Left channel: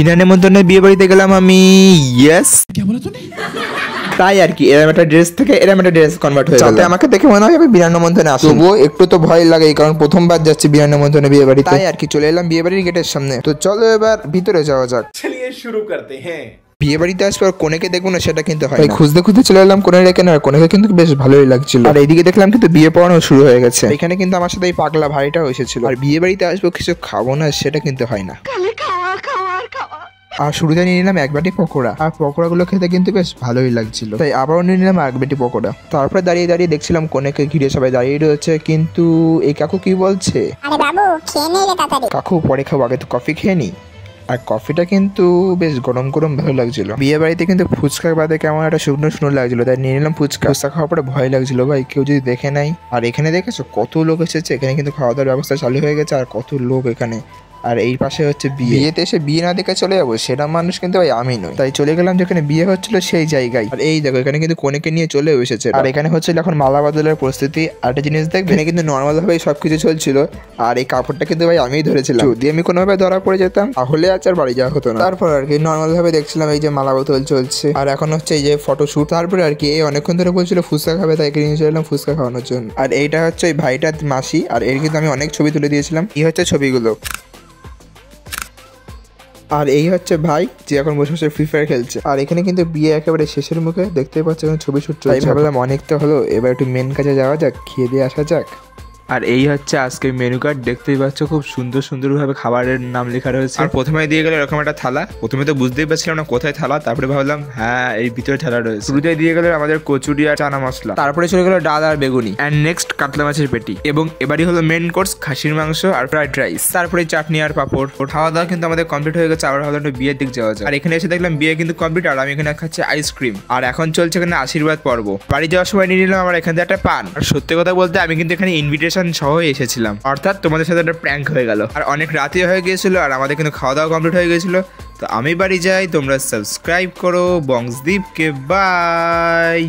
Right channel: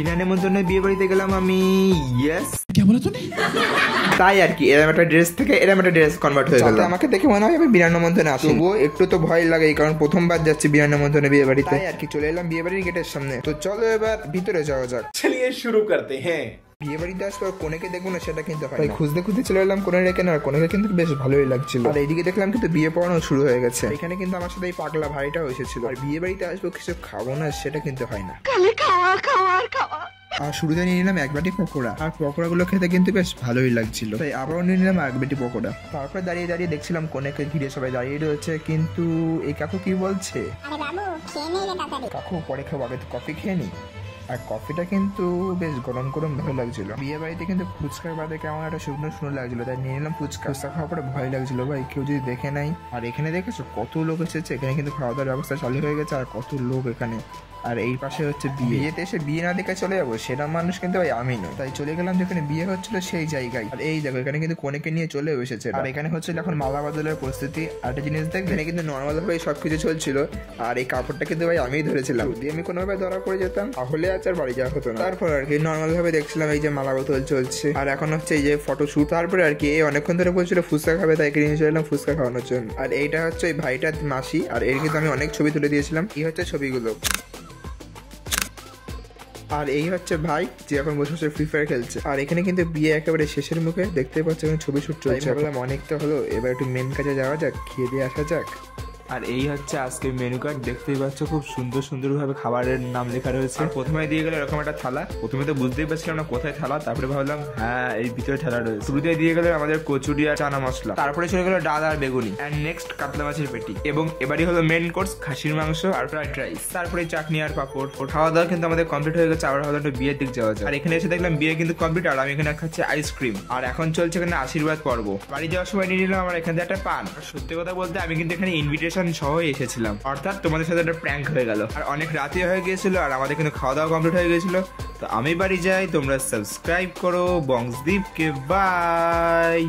বিনা নেমন্তন্নে বিয়ে বাড়িতে গেলাম আমি। ইয়েস, তাই আর কি, এরকম একটা ড্রেস থেকে এরকম একটা ড্রেস কনভার্ট হয়ে গেল। যাতে আমাকে দেখে মনে হয় আমি বিনা নেমন্তন্নে আসি, তবুও একটু তো ভয় লাগে, কারণ প্রথমবার যাচ্ছি বিনা নেমন্তন্নে বিয়ে বাড়িতে। তাই আর কি চলে এলাম বিয়ে বাড়ির গেটের সামনে। তো চলো এবার ভিতরে যাওয়া যাক। চলিয়ে শুরু করতে হ্যাঁ। বিয়ে বাড়িতে আসবো আর কোনেকে দেখবো না সেটা কিন্তু হয় না। খুঁজতে খুঁজতে চলে এলাম কোনে রেখে, না কোনেকে কিন্তু বেশ ভালোই লাগছিল। আর এইদিকে দেখলাম কিন্তু বিয়ে পড়ানো শুরু হয়ে গেছে। এখানে কিন্তু আমার সাথে এই পাগলা ভাইটাও এসেছিল। আর বিয়ে বাড়িতে আসবো কিছু খাবো না সেটা কিন্তু হয় না। আর শুরুতে নিয়ে নিলাম এক বাটি পকোড়া, আর পকোড়াগুলো খেতে কিন্তু বেশ ভালোই লাগছিল, তাই আবারও নিয়ে নিলাম এক বাটি পকোড়া। তারপরে দাঁড়িয়ে দাঁড়িয়ে দেখছিলাম কোনেকে ঘিরে সবাই দাঁড়িয়ে রয়েছে, কিন্তু এই কাকু কি বলছে, আরে বাবু খেয়ে নে রে তাড়াতাড়ি। কাকু পরে খাবো, আগে তো কফি খেয়ে নি। আর কফিটা কিন্তু বেশ গরম গরম ভালো লাগছিল। বিয়ে বাড়িতে কিন্তু ফুচকা বাদে কেমন একটা শুকনো শুকনো লাগছিল, তাই নিয়ে নিলাম ফুচকা। ফুচকা খাওয়ার পরে ভয় লাগছিল ভাই কেউ যদি দেখে নাই। আর এখানে দেখেছো কত লোক এসেছে, এখানে কিন্তু খাওয়া দাওয়ার ব্যবস্থা চালু হয়ে গেছে, আর কত লোক এখানে। আর এই পাশে হচ্ছে বিয়েতে এসে বিয়ে না দেখে চলে যাবো সেটা মানুষ কিন্তু ভাই আমি নই, তাই চলে গেলাম যেখানে বিয়ে হচ্ছিল সেই জায়গায়। আর এই দেখো এখানে কিন্তু কোনেকে নিয়ে চলে এসেছে, আর এখানে হচ্ছিল এখন মালা বদলের প্রস্তুতি। আর একটা জিনিস দেখ, এখানে কিন্তু নর্মাল ভাবে সবকিছু চলছিল, আর এই কাপড়টা কিন্তু ভাই আমিই ধরেছিলাম। যদি আমি কোনোভাবে ধরা পড়ে যেতাম তাহলে আর বাড়ি যাওয়া হতো না। তারপর আর কি নর্মাল ভাবে দেখছিলাম এই যে মালা বোতল চলছে, আর এখন হচ্ছে এই যে ফটোশুট। তারপরে আর কি এই অনেকক্ষণ ধরে বলছিল ফুচকা খাবে, তাই নিয়ে চলে এলাম ফুচকা খাওয়ানোর জন্য। আর এইটা হচ্ছে ওই ভাইটার মাসি, আর এর কিন্তু আমি অনেক ছবি তুলে দিয়েছিলাম। এই হচ্ছে ছবিগুলো। আর এই হচ্ছে ভাই যে এখন বসে বসে ফ্রি ফায়ার খেলছে। আর এখানে কিন্তু বিয়ে একেবারে শেষের মুখে, দেখতে পাচ্ছ এখন ছবি শুট চলছে। ভাবলাম অনেক তো হলো, এবার একটু মেন কাজে যাওয়া যাক, খেয়ে দিয়ে আসা যাক। আর এই হচ্ছে আজকের মেনু কার্ড, দেখতেই পাচ্ছ খুব সুন্দর সুন্দরভাবে খাবারের নাম লেখা রয়েছে। আর প্রথমে দিয়ে গেল এরকম একটা থালা, প্রথমে তো বুঝতেই পারছিলাম না কোথায় থালা, তারপরে ভাবলাম হ্যাঁ এই ভিতরে থালা রয়েছে। শুরুতে দিয়ে গেল আমাদের কচুরি আর চানা মশলা, তারপরে চলে গেল ডাল আর বেগুনি, অ্যান্ড নেক্সট কাতলা মাছের পেটি, এবং এবারই হলো মেন কোর্স খাসির মাংস আর ফ্রাইড রাইস, তারপরে চাটনি আর পাপড়। খাওয়া দাওয়া কিন্তু আমাদের কমপ্লিট হয়ে গেছে। আবার ভাবলাম বিয়ের দিক যাওয়া যায়। আর এখানে এসে দেখলাম বিয়ে কিন্তু কমপ্লিট, আর আমি এখানে খাচ্ছি আইসক্রিম। আর এখন চলছে এখানে আশীর্বাদ পর্ব। বাড়ি যাওয়ার সময় নিয়ে নিলাম আমার এখান থেকে একটা পান। আর সত্যি কথা বলতে আমি কিন্তু এখানে ইনভিটেশন সহ এসেছি, অর্থাৎ তোমাদের সাথে একটা প্র্যাঙ্ক হয়ে গেল। আর অনেক রাতে হয়ে গিয়েছিল, আর আমাদের কিন্তু খাওয়া দাওয়া কমপ্লিট হয়ে গেছিল। তো আমি বাড়ি যাই, তোমরা সাবস্ক্রাইব করো বংশদীপকে। বাই।